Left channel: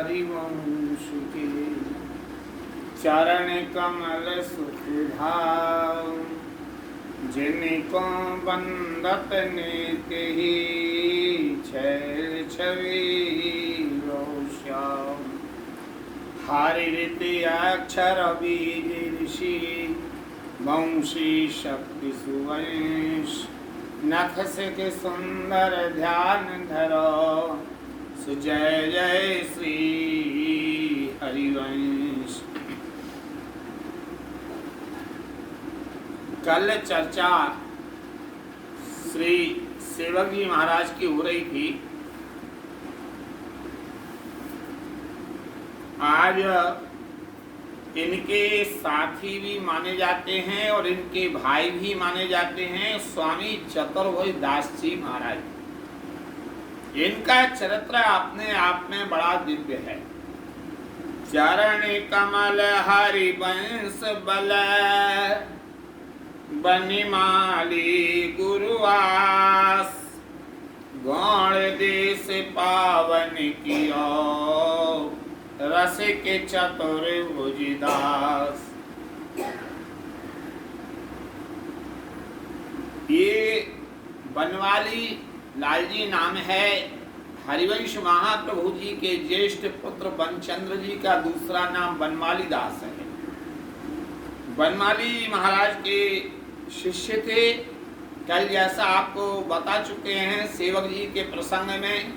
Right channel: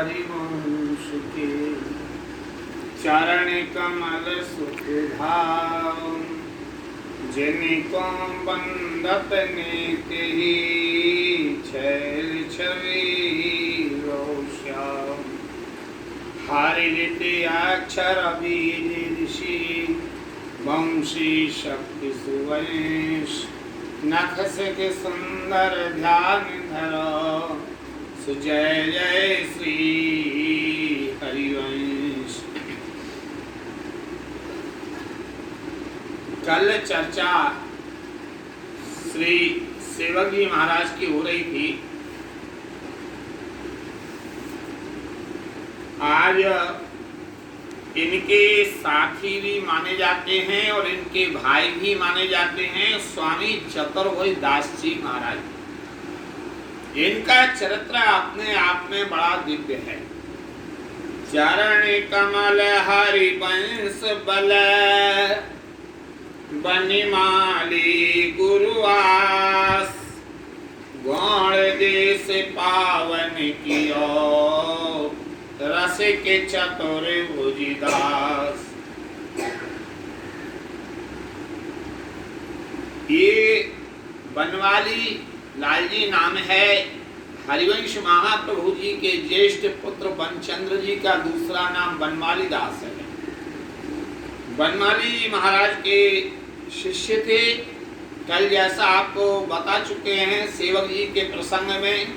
हरिवंश के चरण कमल सुख धाम, जिनको बंदत नेत ही छैल छवि रोश्याम। हरित अक्षर बीज ऋषि वंशी शक्ति सुवंश, नख सिख सुंदर ध्यान धरो, सुजय जय श्री हरिवंश। कल चर्चा श्री सेवक जी महाराज की हो रही थी। आज इनके साथी भी माने जाते हैं और इनके भाई भी माने जाते हैं स्वामी चतुर्भुज दास जी महाराज। इनका चरित्र अपने आप में बड़ा दिव्य है। चरण कमल हरिवंश बल, बनिमाली गुरुवास, गौण देश पावन कियो, रस के चतुर्भुज दास। ये बनवाली लाल जी नाम है। हरिवंश महाप्रभु जी के ज्येष्ठ पुत्र बनचंद्र जी का दूसरा नाम बनमाली दास है। बनमाली महाराज के शिष्य थे। कल जैसा आपको बता चुके हैं सेवक जी के प्रसंग में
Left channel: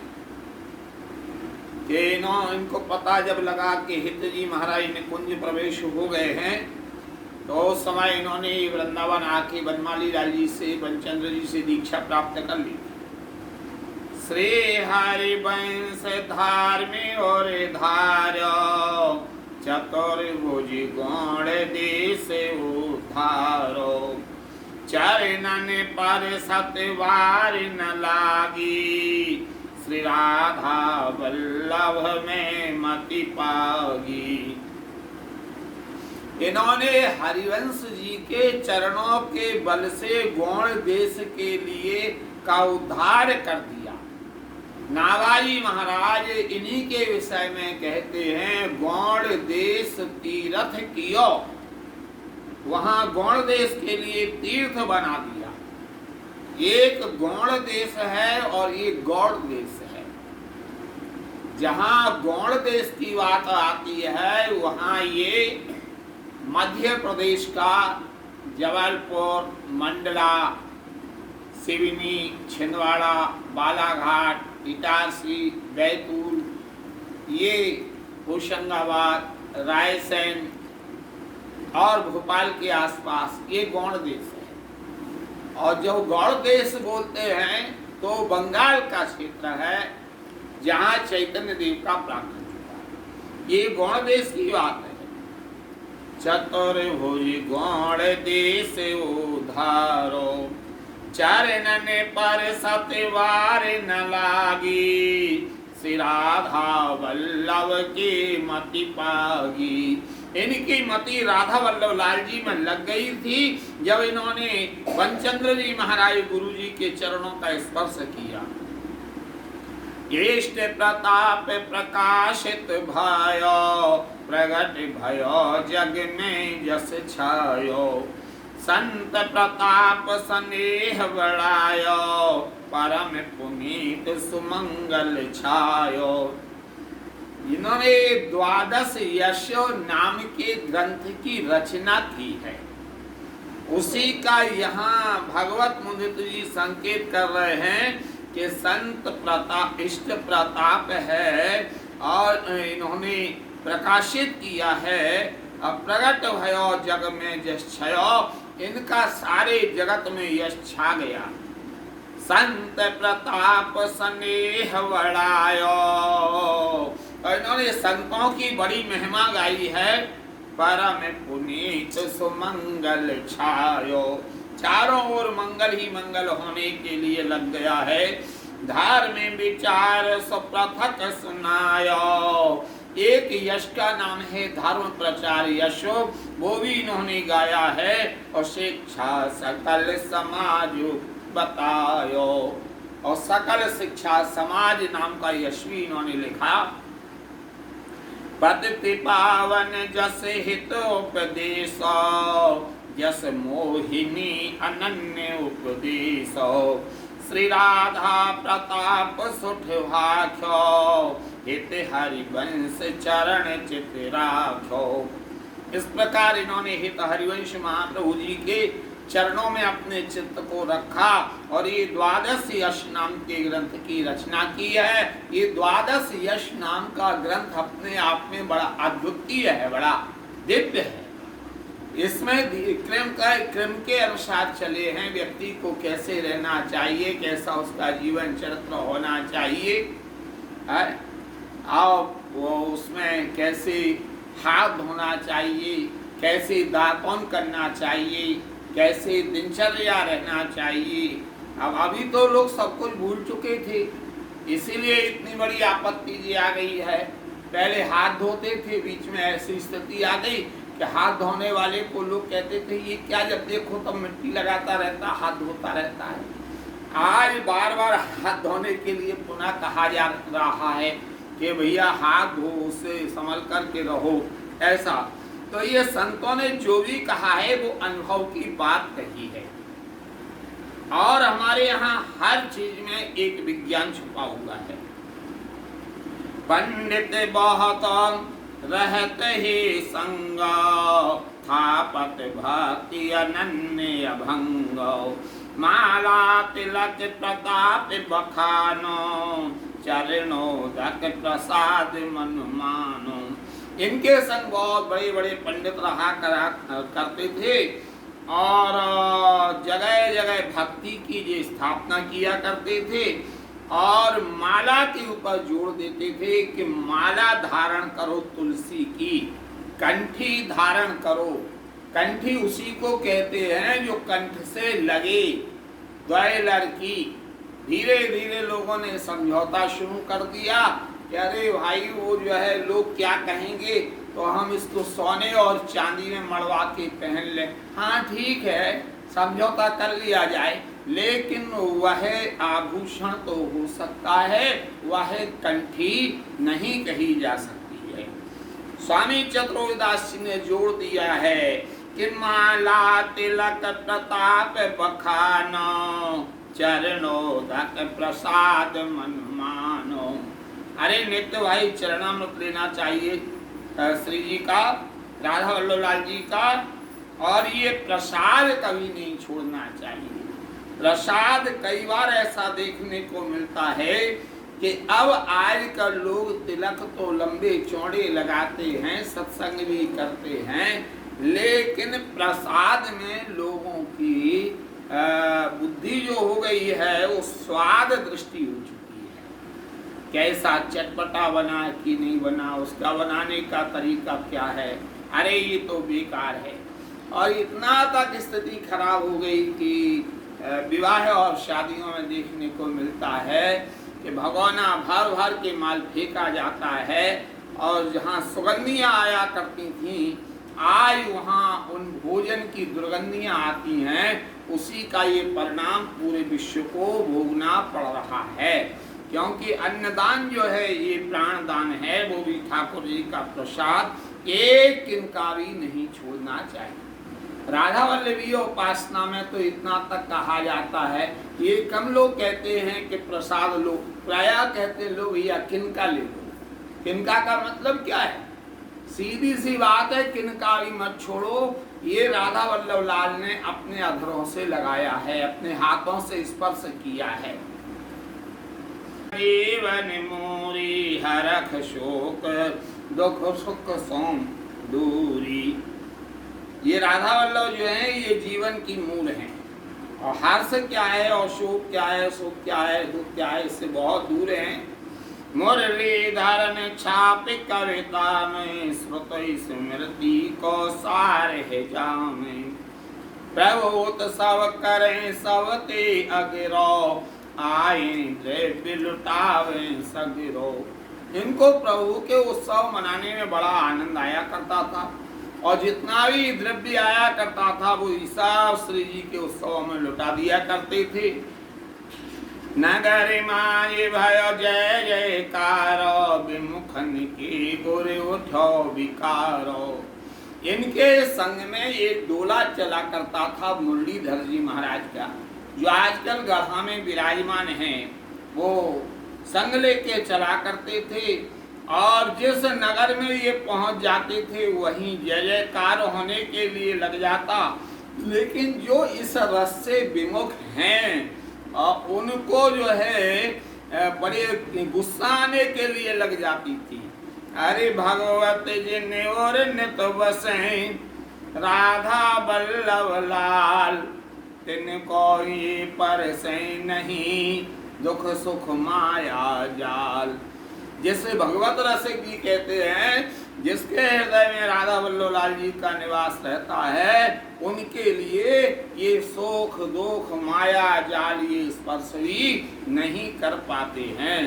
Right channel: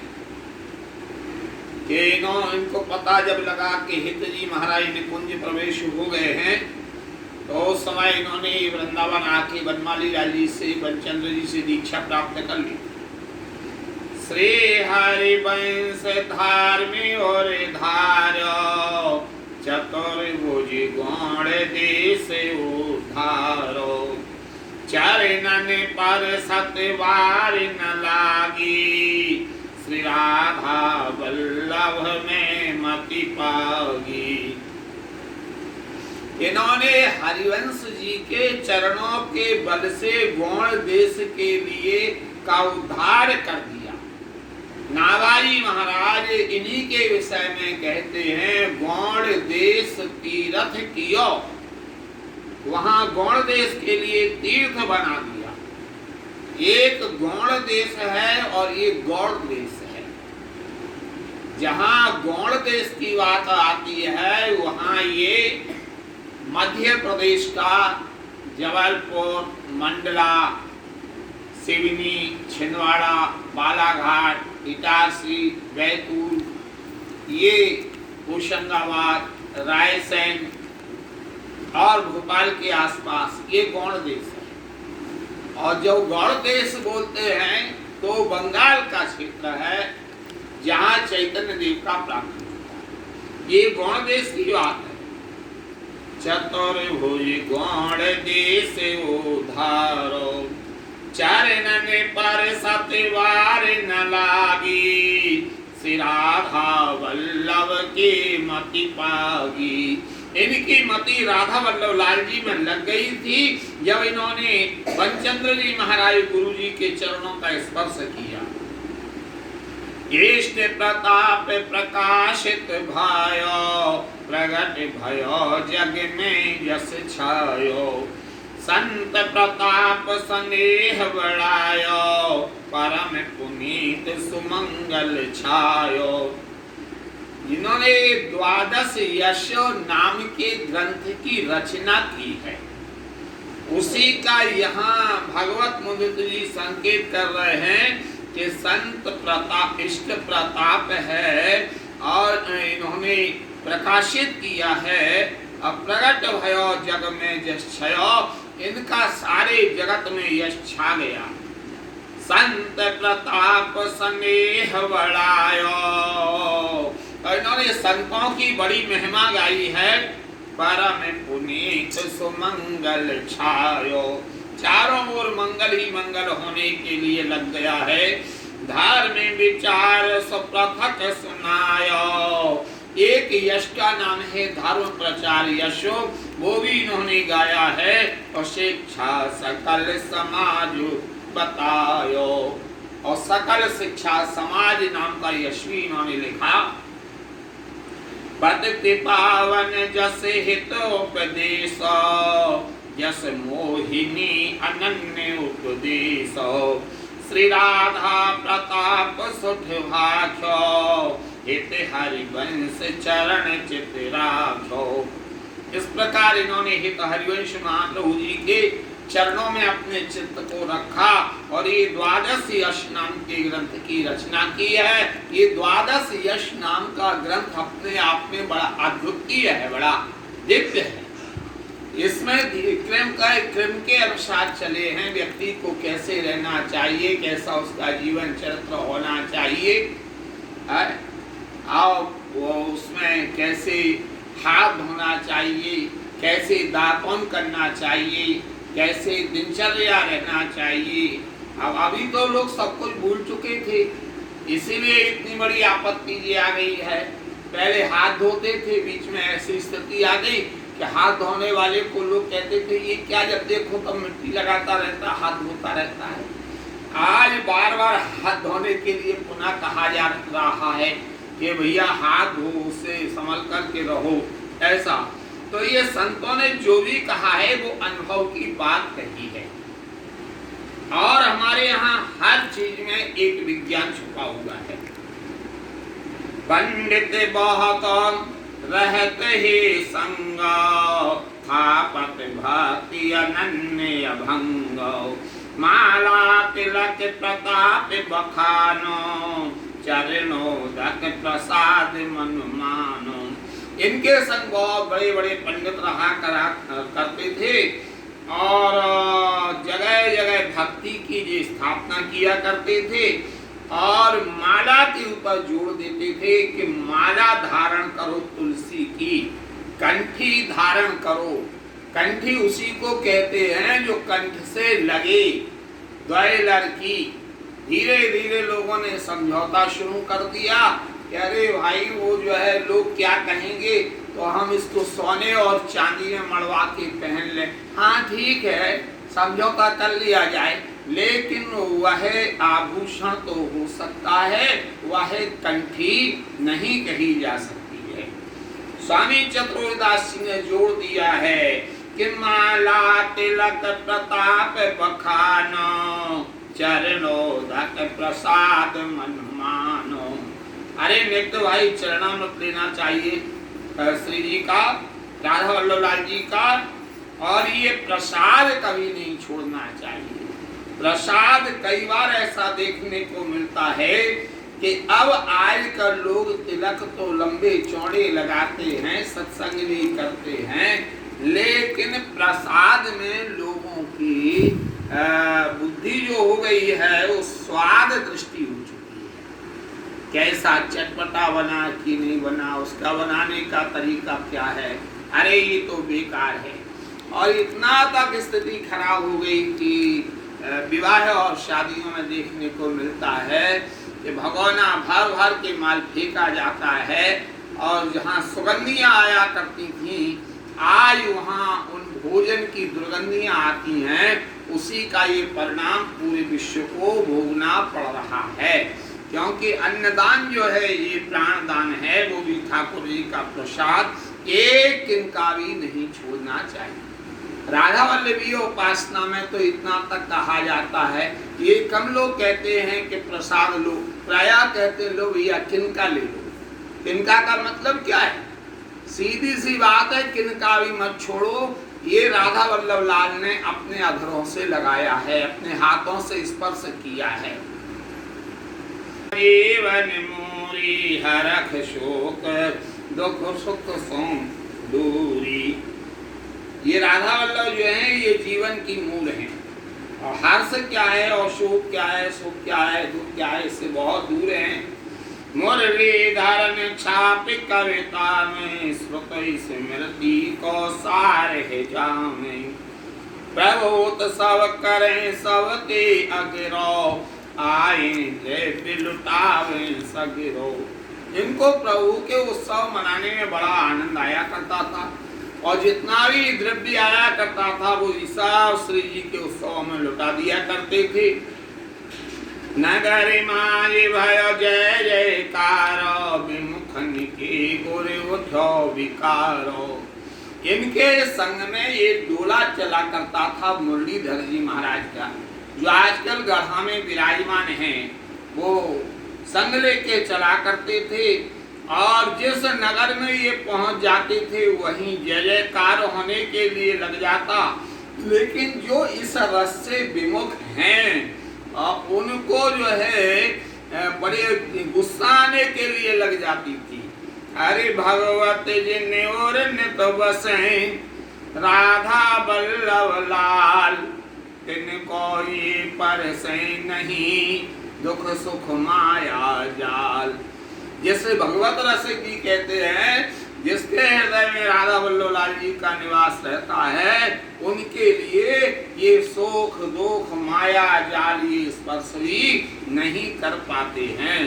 कि इनको पता जब लगा कि हित जी महाराज ने कुंज प्रवेश हो गए हैं तो उस समय इन्होंने वृंदावन आके बनमाली लाल जी से बनचंद्र जी से दीक्षा प्राप्त कर ली। श्री हरिवंश धार्मी और धार्यो, चतुर्भुज गौण देश उद्धारो, चरणन पर सतवार न लागी, श्री राधा वल्लभ में मति पागी। इन्होंने हरिवंश जी के चरणों के बल से गौण देश के लिए का उद्धार कर दिया। नावाई महाराज इन्हीं के विषय में कहते हैं, गौण देश तीर्थ कियो, वहां गौण देश के लिए तीर्थ बना दिया। एक गौण देश है और एक गौड़ देश है। जहां गौड़ देश की बात आती है वहां ये मध्य प्रदेश का जबलपुर, मंडला, सिवनी, छिंदवाड़ा, बालाघाट, इटारसी, बैतूल, ये होशंगाबाद, रायसेन और भोपाल के आसपास ये गौड़ देश है। और जो गौड़ देश बोलते हैं तो बंगाल का क्षेत्र है जहाँ चैतन्य देव का प्राप्त होता है। ये गौड़ देश की बात है। चतुर्भुज गौड़ देश उधारो, चरणन पर सतवार न लागी, श्री राधा वल्लभ की मति पागी। इनकी मति राधा वल्लभ लाल जी में लग गई थी जब इन्होंने बनचंद्र जी महाराज गुरु जी के चरणों का स्पर्श किया। इष्ट प्रताप प्रकाशित भयो, प्रगट भयो जग में यश छायो, संत प्रताप स्नेह बढ़ायो, परम पुनीत सुमंगल छायो। जिन्होंने 12 यश नाम के ग्रंथ की रचना की है उसी का यहाँ भगवत मुदित जी संकेत कर रहे हैं कि संत प्रताप इष्ट प्रताप है और इन्होंने प्रकाशित किया है। प्रगट भयो जग में यश छयो, इनका सारे जगत में यश छा गया। संत प्रताप स्नेह बढ़ायो, इन्होंने संतों की बड़ी महिमा गाई है। परम पुनीत सुमंगल छायो, चारों ओर मंगल ही मंगल होने के लिए लग गया है। धार्मिक विचार सुप्रथक सुनायो, एक यश का नाम है धर्म प्रचार यशो, वो भी इन्होंने गाया है। और शिक्षा सकल समाज बतायो, और सकल शिक्षा समाज नाम का यश भी इन्होंने लिखा। पतित पावन जस हितोपदेश, जस मोहिनी अनन्य उपदेश। श्री राधा प्रताप सुठ भाख्यो, हित हरिवंश चरण चित राखो। इस प्रकार इन्होंने हित हरिवंश महाप्रभु जी के चरणों में अपने चित्त को रखा और ये द्वादश यश नाम के ग्रंथ की रचना की है। ये द्वादश यश नाम का ग्रंथ अपने आप में बड़ा अद्वितीय है, बड़ा दिव्य है। इसमें क्रम के अनुसार चले हैं, व्यक्ति को कैसे रहना चाहिए, कैसा उसका जीवन चरित्र होना चाहिए, और वो उसमें कैसे हाथ धोना चाहिए, कैसे दातन करना चाहिए, कैसे दिनचर्या रहना चाहिए। अब अभी तो लोग सब कुछ भूल चुके थे, इसीलिए इतनी बड़ी आपत्ति जी आ गई है। पहले हाथ धोते थे, बीच में ऐसी स्थिति आ गई कि हाथ धोने वाले को लोग कहते थे ये क्या, जब देखो तब मिट्टी लगाता रहता, हाथ धोता रहता है। आज बार बार हाथ धोने के लिए पुनः कहा जा रहा है कि भैया हाथ धो, उससे संभल करके रहो, ऐसा। तो ये संतों ने जो भी कहा है वो अनुभव की बात कही है, और हमारे यहाँ हर चीज में एक विज्ञान छुपा हुआ है। पंडित बहुत रहत ही संग, थापत भक्ति अनन्य भंग। माला तिलक प्रताप बखानो, चरणोदक प्रसाद मन मानो। इनके संग बहुत बड़े बड़े पंडित रहा करते थे, और जगह जगह भक्ति की जो स्थापना किया करते थे, और माला के ऊपर जोड़ देते थे कि माला धारण करो तुलसी की, कंठी धारण करो। कंठी उसी को कहते हैं जो कंठ से लगे, द्वय लड़की। धीरे धीरे लोगों ने समझौता शुरू कर दिया कि अरे भाई वो जो है लोग क्या कहेंगे, तो हम इसको सोने और चांदी में मड़वा के पहन लें। हाँ ठीक है, समझौता कर लिया जाए, लेकिन वह आभूषण तो हो सकता है, वह कंठी नहीं कही जा सकती है। स्वामी चतुर्दास जी ने जोड़ दिया है कि माला तिलक प्रताप बखानो, चरणोदक प्रसाद मन मानो। अरे नित्य भाई चरणामृत लेना चाहिए श्री जी का, राधा वल्लभ लाल जी का, और ये प्रसाद कभी नहीं छोड़ना चाहिए। प्रसाद कई बार ऐसा देखने को मिलता है कि अब आजकल लोग तिलक तो लंबे चौड़े लगाते हैं, सत्संग भी करते हैं, लेकिन प्रसाद में लोगों की बुद्धि जो हो गई है वो स्वाद दृष्टि हो चुकी है। कैसा चटपटा बना कि नहीं बना, उसका बनाने का तरीका क्या है, अरे ये तो बेकार है। और इतना तक स्थिति खराब हो गई कि विवाह और शादियों में देखने को मिलता है कि भगोना भर भर के माल फेंका जाता है, और जहाँ सुगंधियाँ आया करती थी आज वहाँ उन भोजन की दुर्गंधियाँ आती हैं। उसी का ये परिणाम पूरे विश्व को भोगना पड़ रहा है, क्योंकि अन्नदान जो है ये प्राणदान है, वो भी ठाकुर जी का प्रसाद एक किनका भी नहीं छोड़ना चाहिए। राधा वल्लभी उपासना में तो इतना तक कहा जाता है, ये कम लोग कहते हैं कि प्रसाद लो, प्राय कहते लो भैया किनका ले लो। किनका का मतलब क्या है? सीधी सी बात है, किनका भी मत छोड़ो। ये राधा वल्लभ लाल ने अपने अधरों से लगाया है, अपने हाथों से स्पर्श किया है। जीवन मोरी हरख शोक, दुख सुख सोम दूरी। ये राधा वल्लभ जो है ये जीवन की मूल है, और हर्ष क्या है और शोक क्या है, सुख क्या है, दुख क्या है, इससे बहुत दूर है। मुरलीधर में छाप कविता में, श्रुति स्मृति को सार है जामे। प्रभुत सब करें सब ते अगिरो, आए द्रव्य लुटावे सगिरो। इनको प्रभु के उत्सव मनाने में बड़ा आनंद आया करता था, और जितना भी द्रव्य आया करता था वो ईसा श्री जी के उत्सवों में लुटा दिया करते थे। नगर माय भय जय जयकार, विमुख सुखन के गुर उठो विकारो। इनके संग में एक डोला चला करता था मुरलीधर जी महाराज का, जो आजकल गढ़ा में विराजमान हैं। वो संग लेके चला करते थे और जिस नगर में ये पहुंच जाते थे वहीं जय जयकार होने के लिए लग जाता। लेकिन जो इस रस से विमुख हैं उनको जो है बड़े गुस्सा आने के लिए लग जाती थी। अरे भगवत जिन और नित बसें राधा बल्लभ लाल, तिनको ये परसे नहीं दुख सुख माया जाल। जैसे भगवत रसिक जी कहते हैं, जिसके हृदय में राधा वल्लभ लाल जी का निवास रहता है, उनके लिए ये सुख दुख माया जाल ये स्पर्श भी नहीं कर पाते हैं।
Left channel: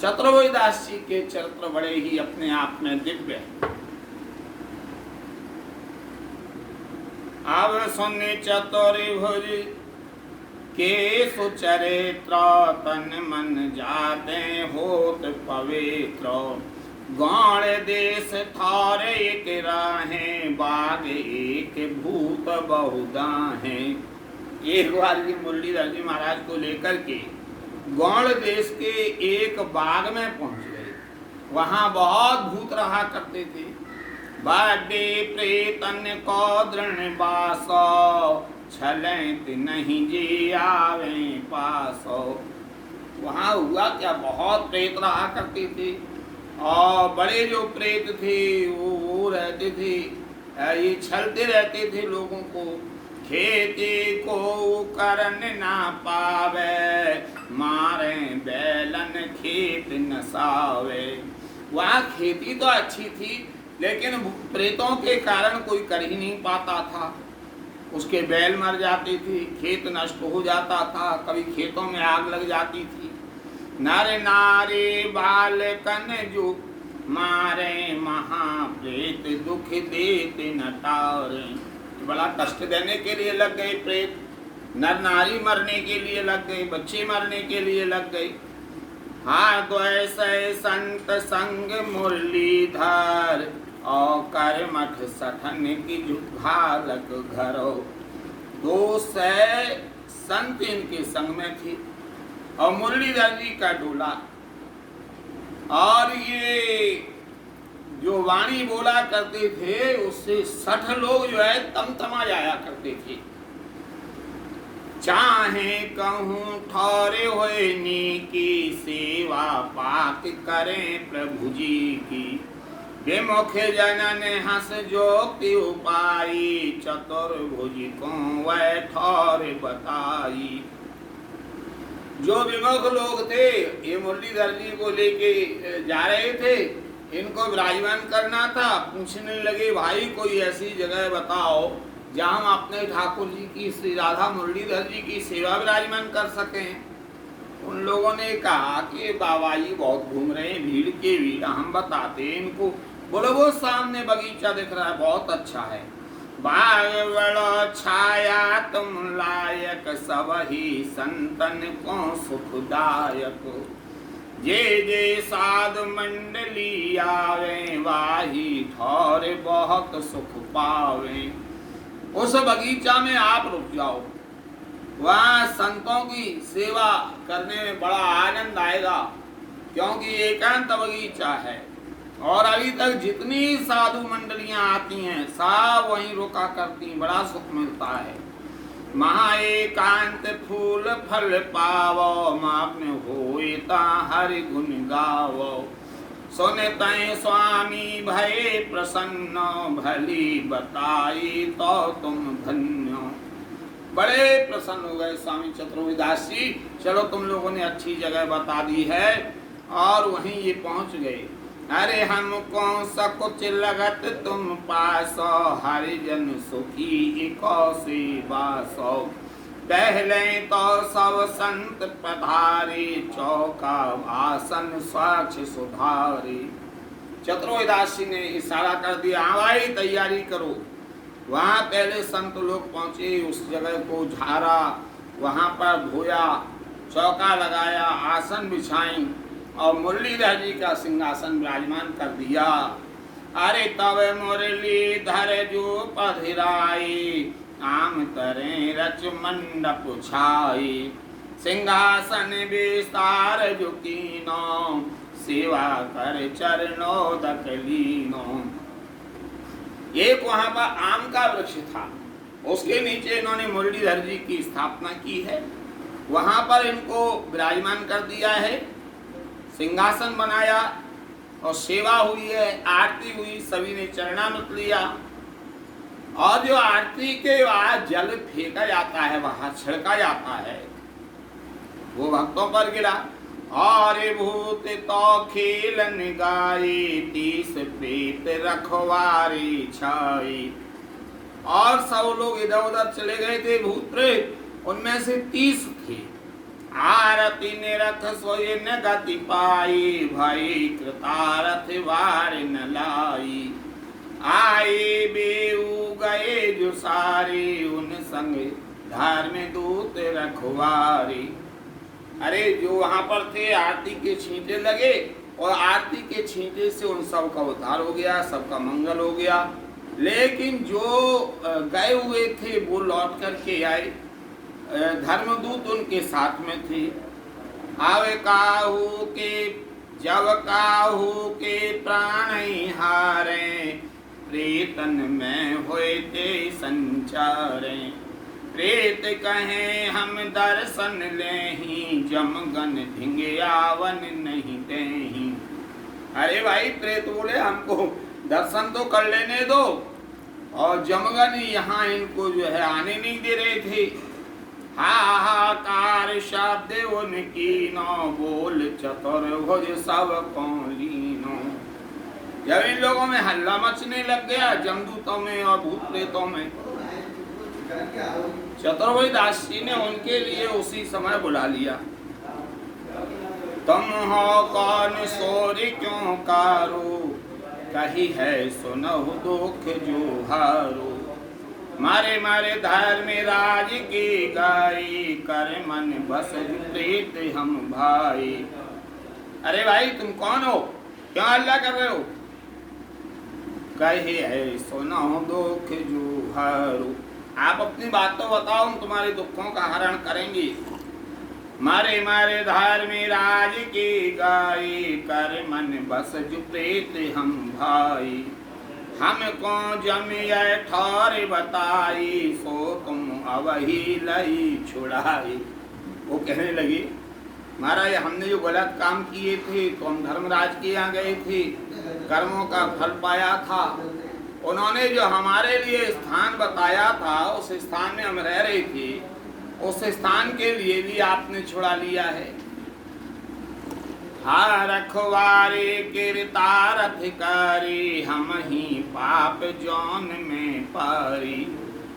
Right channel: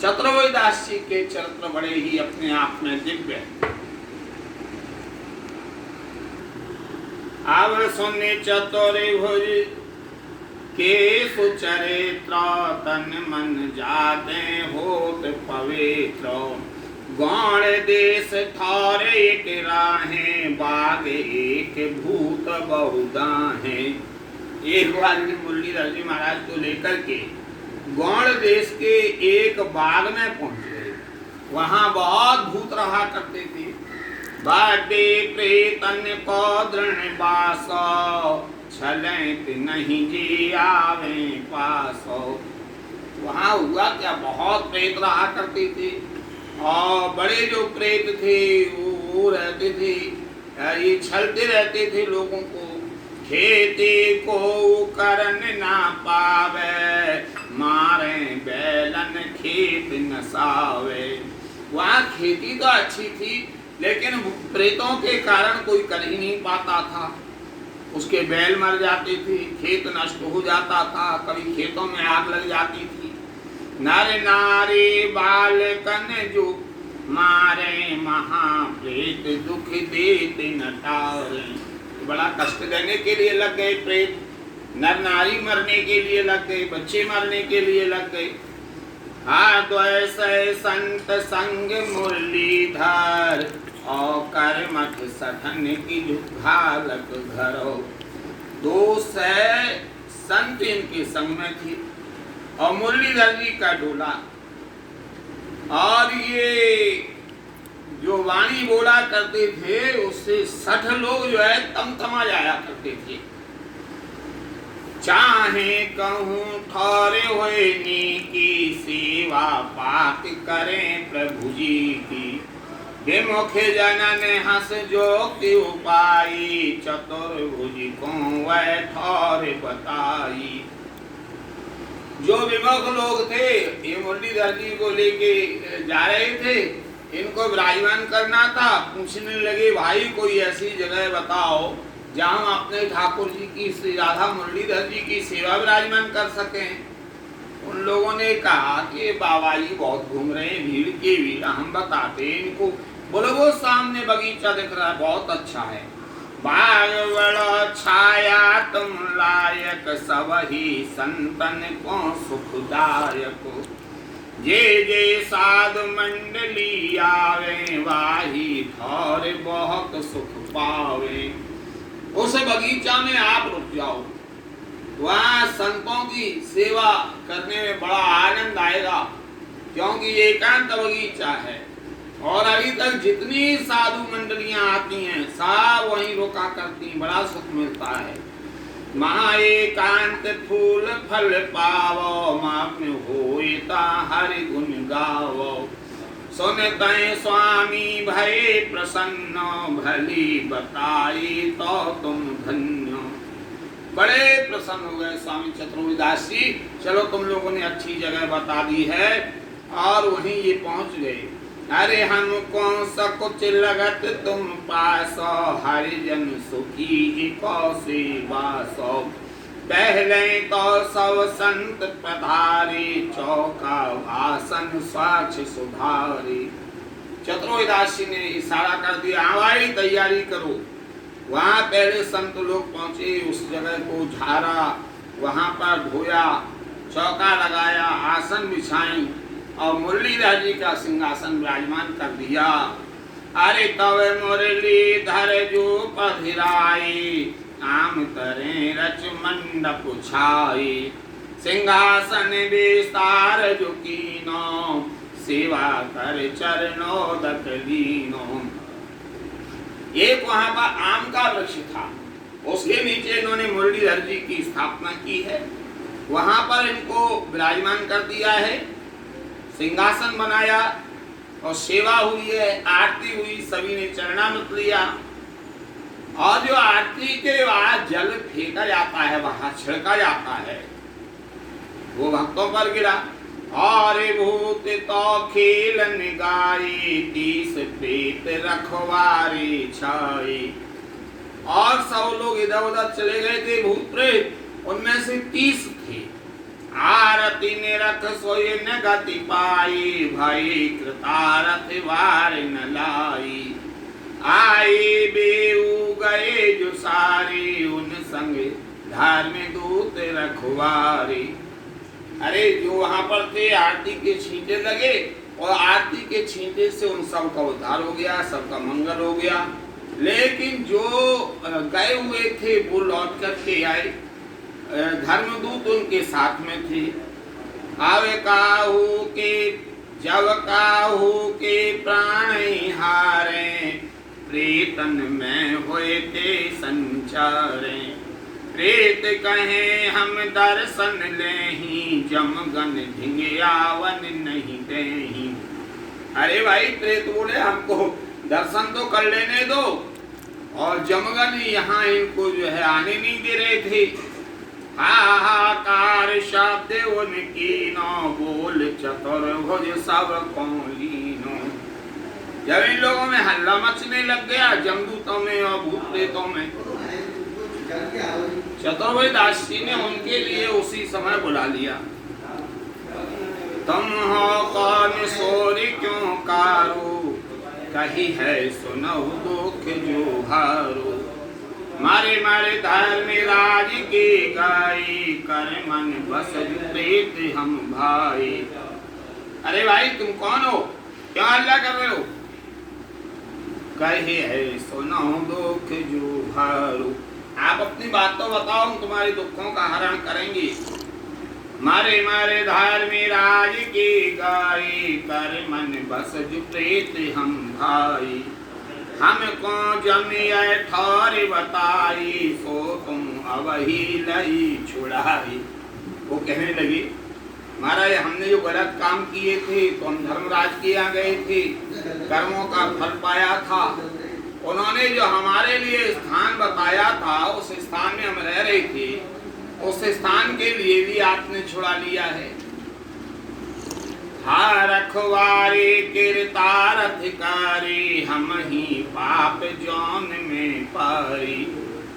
चतुर्वेदास जी के चरित्र बड़े ही अपने आप में दिव्य हैं। अब सुनि चतुर्भुज के सुचरित्र, तन मन जाते होत पवित्र। गौण देश थार एक राहें, बाग एक भूत बहुदाहें। एक बार मुरलीधर जी महाराज को लेकर के गौण देश के एक बाग में पहुंचे। वहां बहुत भूत रहा करते थे। बाडे प्रेतन को दृढ़ बास, छलैत नहीं जी आवे पासो। वहां हुआ क्या, बहुत प्रेत रहा करते थे और बड़े जो प्रेत थे वो रहते थे, ये छलते रहते थे लोगों को। खेती को करन ना पावे, मारे बैलन खेत नसावे। वहाँ खेती तो अच्छी थी लेकिन प्रेतों के कारण कोई कर ही नहीं पाता था। उसके बैल मर जाते थे, खेत नष्ट हो जाता था, कभी खेतों में आग लग जाती थी। नर नारी बालकन जो मारे, महाप्रेत दुख देते न टारे। बड़ा कष्ट देने के लिए लग गए प्रेत, नर नारी मरने के लिए लग गए, बच्चे मरने के लिए लग गए। हाँ तो ऐसे संत संग मुरलीधर, और कर मठ सखन की घालक घरो। 200 संत इनके संग में थे और मुरलीधर जी का डोला। और ये जो वाणी बोला करते थे उससे 60 लोग जो है तमतमा जाया करते थे। चाहे कहूँ ठौरे हुए नी की सेवा, पात करें प्रभु जी की। विमुख जनन हंस जो की उपाई, चतुर्भुज को वह ठौर बताई। जो विमुख लोग थे ये मुरलीधर जी को लेके जा रहे थे, इनको विराजमान करना था। पूछने लगे भाई कोई ऐसी जगह बताओ जहाँ हम अपने ठाकुर जी की श्री राधा मुरलीधर जी की सेवा विराजमान कर सकें। उन लोगों ने कहा कि बाबा जी बहुत घूम रहे हैं, भीड़ के भीड़, हम बताते हैं इनको। बोलो वो सामने बगीचा दिख रहा है, बहुत अच्छा है। बाग बड़ा छाया तुम लायक, सब ही संतन को सुखदायक। जे जे साधु मंडली आवे, वाही ठौर बहुत सुख पावे। उस बगीचा में आप रुक जाओ, वहाँ संतों की सेवा करने में बड़ा आनंद आएगा, क्योंकि ये एकांत बगीचा है। और अभी तक जितनी साधु मंडलियां आती हैं सब वहीं रुका करती, बड़ा सुख मिलता है। महा एकांत फूल फल पावो, माप में होता हरि गुण गावो। सुनते स्वामी भय प्रसन्न, भली बताई तो तुम धन्य। बड़े प्रसन्न हो गए स्वामी चतुर्वेदास जी। चलो तुम लोगों ने अच्छी जगह बता दी है, और वहीं ये पहुंच गए। अरे हमको सकुच लगत तुम पासो, हरिजन सुखी को सेवासो। पहले तो सब संत पधारे, चौका भाषण स्वच्छ सुधारे। चतुर्वेदास जी ने इशारा कर दिया, भाई तैयारी करो। वहाँ पहले संत लोग पहुँचे, उस जगह को झाड़ा, वहाँ पर धोया, चौका लगाया, आसन बिछाई और मुरलीधर जी का सिंहासन विराजमान कर दिया। अरे तब मुरलीधर जो पधराई, आम तरे रच मंडप छाई, सिंहासन विस्तार जो कीनो, सेवा कर चरणोदक लीनो। एक वहां पर आम का वृक्ष था, उसके नीचे इन्होंने मुरलीधर जी की स्थापना की है, वहां पर इनको विराजमान कर दिया है, सिंहासन बनाया और सेवा हुई है, आरती हुई, सभी ने चरणामृत लिया। और जो आरती के बाद जल फेंका जाता है, वहां छिड़का जाता है, वो भक्तों पर गिरा। और भूत तो खेलन गाई, 30 प्रेत रखवारी छाई। और सब लोग इधर उधर चले गए थे भूत प्रेत, उनमें से 30 थे। आरती ने रख सोई न गति पाई, भाई कृतारथ वार न लाई। आए बेऊ गए जो सारे, उन संग धर्म दूत रखवारी। अरे जो वहां पर थे, आरती के छींटे लगे और आरती के छींटे से उन सब का उद्धार हो गया, सबका मंगल हो गया। लेकिन जो गए हुए थे वो लौट करके आए, धर्मदूत उनके साथ में थे। आवे काहू के जब काहू के प्राण हारे, प्रेतन में होए थे संचारे। प्रेत कहे हम दर्शन लेही, जमगन धिंगियावन नहीं देही। अरे भाई प्रेत बोले हमको दर्शन तो कर लेने दो, और जमगन यहाँ इनको जो है आने नहीं दे रहे थे। हाहाकार शब्द उनकी नो, बोल चतुर्भुज सब कौलीनो। जब इन लोगों में हल्ला मचने लग गया, जमदूतों में और भूत प्रेतों में, चतुर्भुज दास जी ने उनके लिए उसी समय बुला लिया। तुम हो कौन सोरी क्यों कारू, कही है सुनहु दुख जो हारू। मारे मारे धर्म राज की गाई, कर मन बस प्रीत हम भाई। अरे भाई तुम कौन हो, क्यों हल्ला कर रहे हो? कही है सुनहु दुख जो हारू। आप अपनी बात तो बताओ, हम तुम्हारे दुखों का हरण करेंगे। मारे मारे धर्म राज की गाई, कर मन बस जो प्रीत हम भाई। हमको जमिया ठौर बताई, सो तुम अवही लई छुड़ाई। वो कहने लगी महाराज हमने जो गलत काम किए थे, तो हम धर्मराज के यहाँ गए थे, कर्मों का फल पाया था। उन्होंने जो हमारे लिए स्थान बताया था, उस स्थान में हम रह रहे थे, उस स्थान के लिए भी आपने छुड़ा लिया है। हाँ रखवारे किरतार अधिकारी, हम ही पाप जौन में पारी।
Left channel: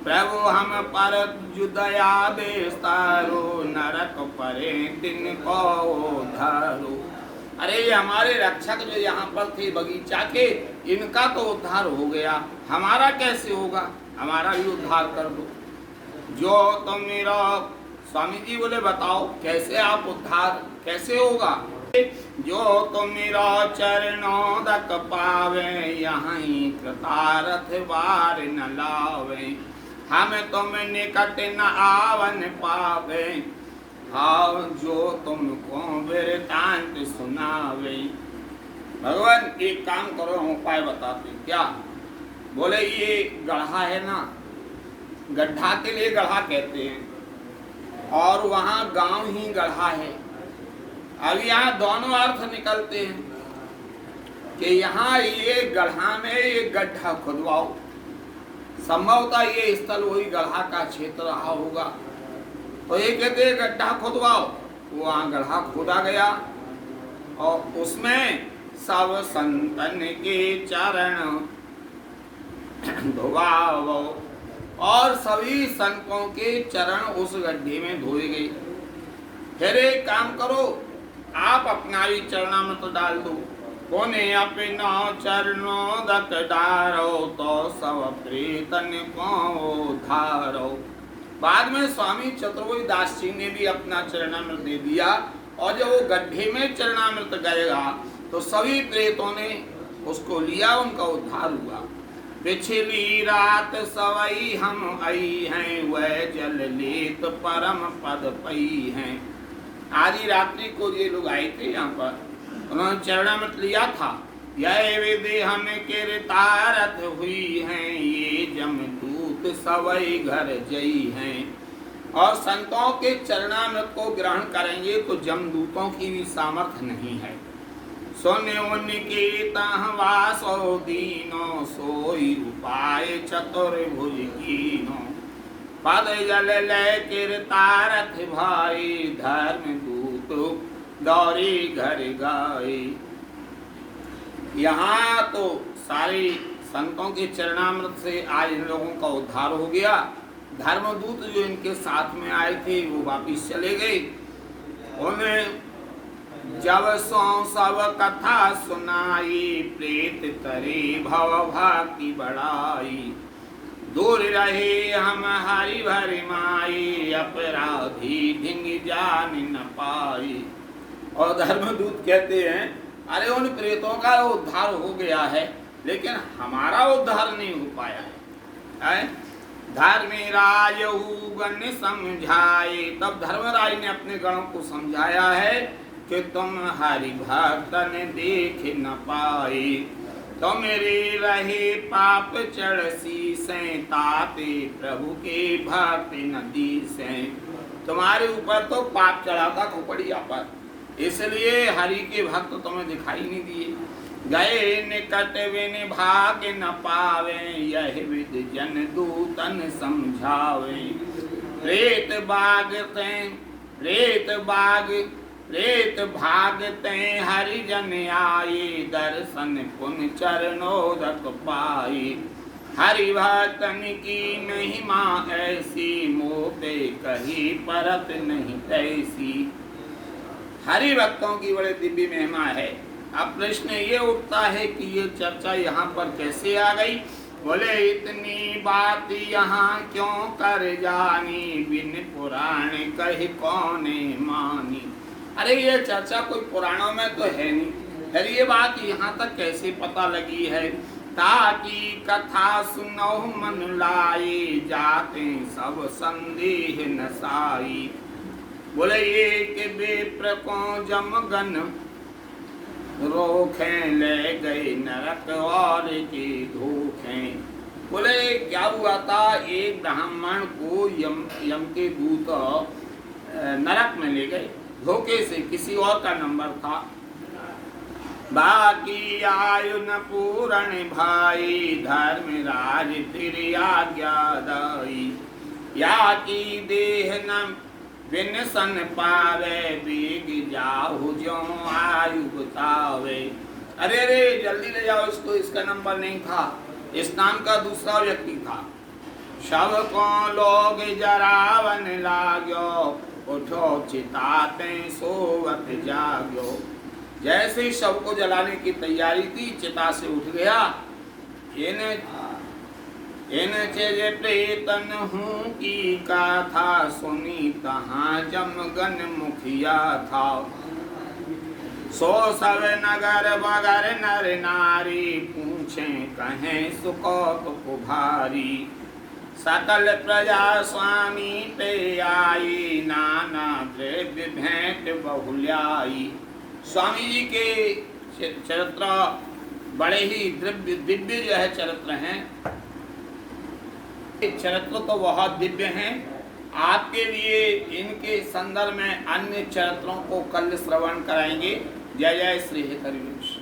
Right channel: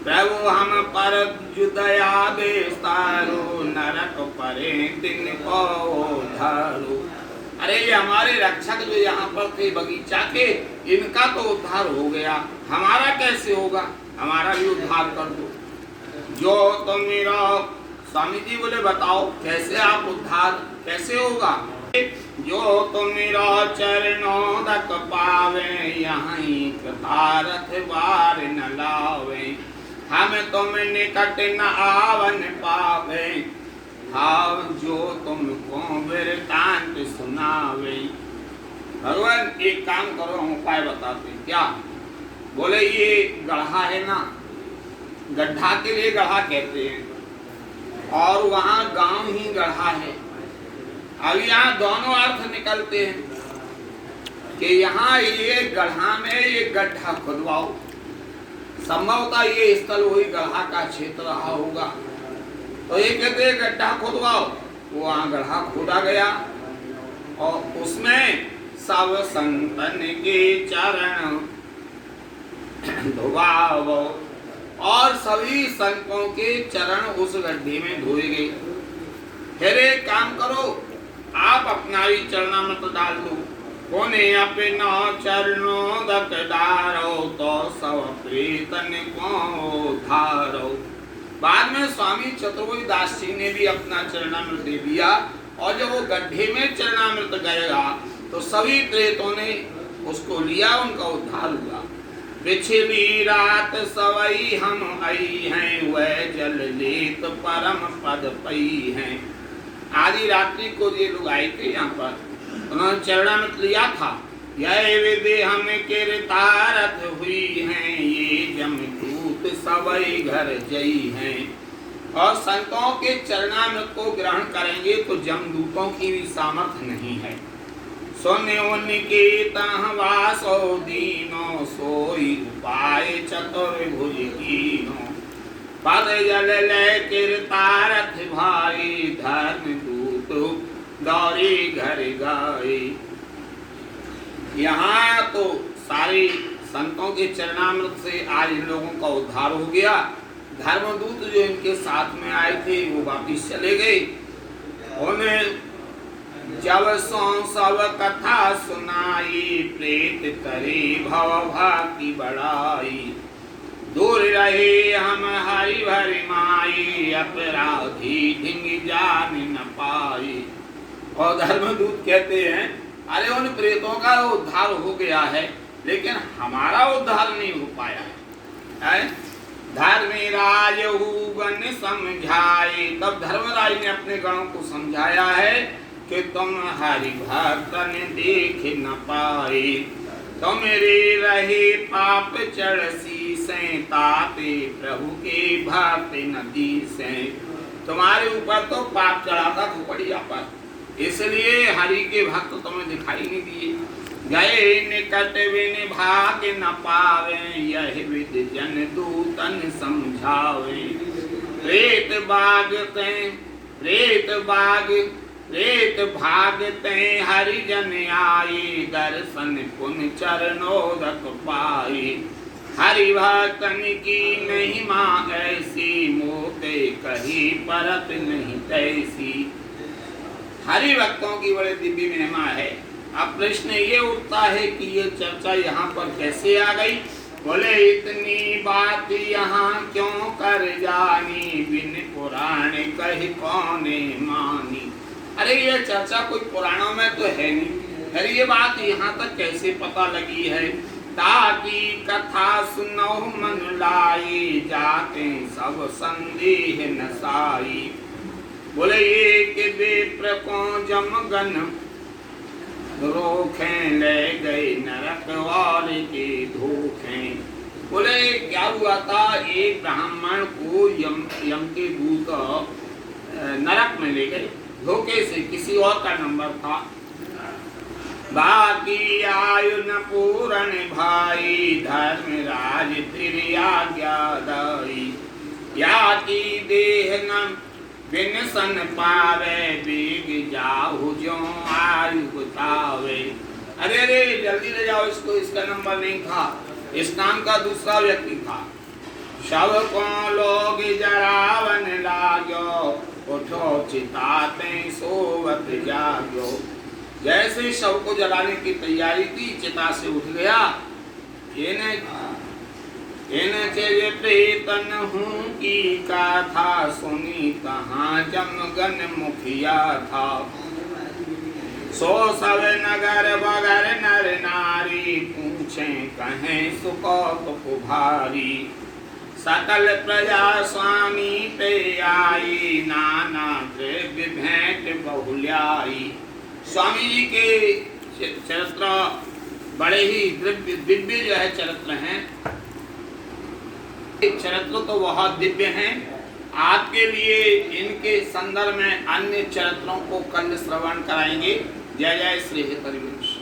प्रभु हम पर जुदया बेस्तारो, नरक परे दिन को धारो। अरे ये हमारे रक्षक जो यहाँ पर थे बगीचा के, इनका तो उद्धार हो गया, हमारा कैसे होगा? हमारा भी उद्धार कर दो। जो तुम मेरा स्वामी जी बोले बताओ कैसे आप उद्धार कैसे होगा? जो तुम मेरा चरणों तक पावे, यहाँ कृतारथ वार न लावे। हम तुम निकट न आवन पावे, हाव जो तुमको वृतांत सुनावे। भगवान एक काम करो, हम उपाय बताते। क्या? बोले ये गढ़ा है ना, गड्ढा के लिए गढ़ा कहते हैं, और वहाँ गांव ही गढ़ा है। अब यहाँ दोनों अर्थ निकलते हैं कि यहाँ ये गढ़ा में ये गड्ढा खुदवाओ। संभवतः ये स्थल वही गढ़ा का क्षेत्र रहा होगा, तो ये कहते हैं गड्ढा खुदवाओ। वहाँ गढ़ा खोदा गया और उसमें सब संतन के चरण धुआओ, और सभी संतों के चरण उस गड्ढे में धोए गए। फिर एक काम करो, आप अपना ही चरणामृत डाल दो। कोने अपना चरणों दत डारो, तो सब प्रीतन को धारो। बाद में स्वामी चतुर्भुज दास जी ने भी अपना चरणामृत दे दिया और जब वो गड्ढे में चरणामृत गएगा तो सभी प्रेतों ने उसको लिया, उनका उद्धार हुआ। पिछली रात सवई हम आई हैं, वह जल लेत परम पद पई हैं। आधी रात्रि को ये लोग आए थे यहाँ पर, उन्होंने चरणामृत लिया था। यह विधि हम कीर्तारथ हुई हैं, ये जमदूत सवई घर जई हैं। और संतों के चरणामृत को ग्रहण करेंगे तो जमदूतों की भी सामर्थ्य नहीं है। सोने उनके तहवासो दीनो, सोई उपाय चतुर्भुज कीनो। पद जल ले कीर्तारथ भाई, धर्म दूत दौरी घर गाए। यहाँ तो सारे संतों के चरणामृत से आज इन लोगों का उद्धार हो गया। धर्मदूत जो इनके साथ में आए थे वो वापिस चले गए। उन्हें जब सो सब कथा सुनाई, प्रेत करे भव भाकी बढ़ाई। दूर रहे हम हरि भरि माई, अपराधी ढिंग जान न पाई। और धर्मदूत कहते हैं अरे उन प्रेतों का उद्धार हो गया है, लेकिन हमारा उद्धार नहीं हो पाया है। धर्मराज गण समझाए, तब धर्मराज ने अपने गणों को समझाया है कि तुम हरि भक्तन देख न पाए। तुम रे रहे पाप चढ़सी से, ताते प्रभु के भक्त नदी से। तुम्हारे ऊपर तो पाप चढ़ा था खोपड़िया पर, इसलिए हरि के भक्त तुम्हें दिखाई नहीं दिए। गए निकट बिन भाग न पावे, यह विधि जन दूतन समझावे। प्रेत भागते हरिजन आए, दर्शन पुन चरणोदक पाए। हरि भक्तन की महिमा ऐसी, मोते कही परत नहीं तैसी। हरि भक्तों की बड़ी दिव्य महिमा है। अब प्रश्न ये उठता है कि ये चर्चा यहाँ पर कैसे आ गई। बोले इतनी बात यहाँ क्यों कर जानी, बिन पुराण कही कौने मानी। अरे ये चर्चा कोई पुराणों में तो है नहीं, फिर ये बात यहाँ तक कैसे पता लगी है। ताकि कथा सुनो मन लाई, जाते सब संदेह नसाई। बोले एक बेप्र को जमगन रोखें, ले गए नरक और के धोखें। बोले क्या हुआ था, एक ब्राह्मण को यम के दूत नरक में ले गए धोखे से, किसी और का नंबर था। बाकी आयु न पूरण भाई, धर्मराज तेरी आज्ञा दाई। या की देह न विनसन पावे, बीग जाहु जो आयु बतावे। अरे अरे जल्दी ले जाओ इसको, इसका नंबर नहीं था, इस नाम का दूसरा व्यक्ति था। शव को लोग जरावन लागो, उठो चिताते सोवत जागो। जैसे शव को जलाने की तैयारी थी, चिता से उठ गया। इनचे प्रेतन हूँ की गाथा, सुनी कहाँ जमगन मुखिया था। सो सब नगर बगर नर नारी, पूछे कहें सुकौत पुभारी। सकल प्रजा स्वामी पे आई, नाना द्रव्य भेंट बहुल्याई। स्वामी जी के चरित्र बड़े ही दिव्य जो है चरित्र हैं। चरित्र तो बहुत दिव्य हैं। आपके लिए इनके संदर्भ में अन्य चरित्रों को कल श्रवण कराएंगे। जय जय श्री हितवंश।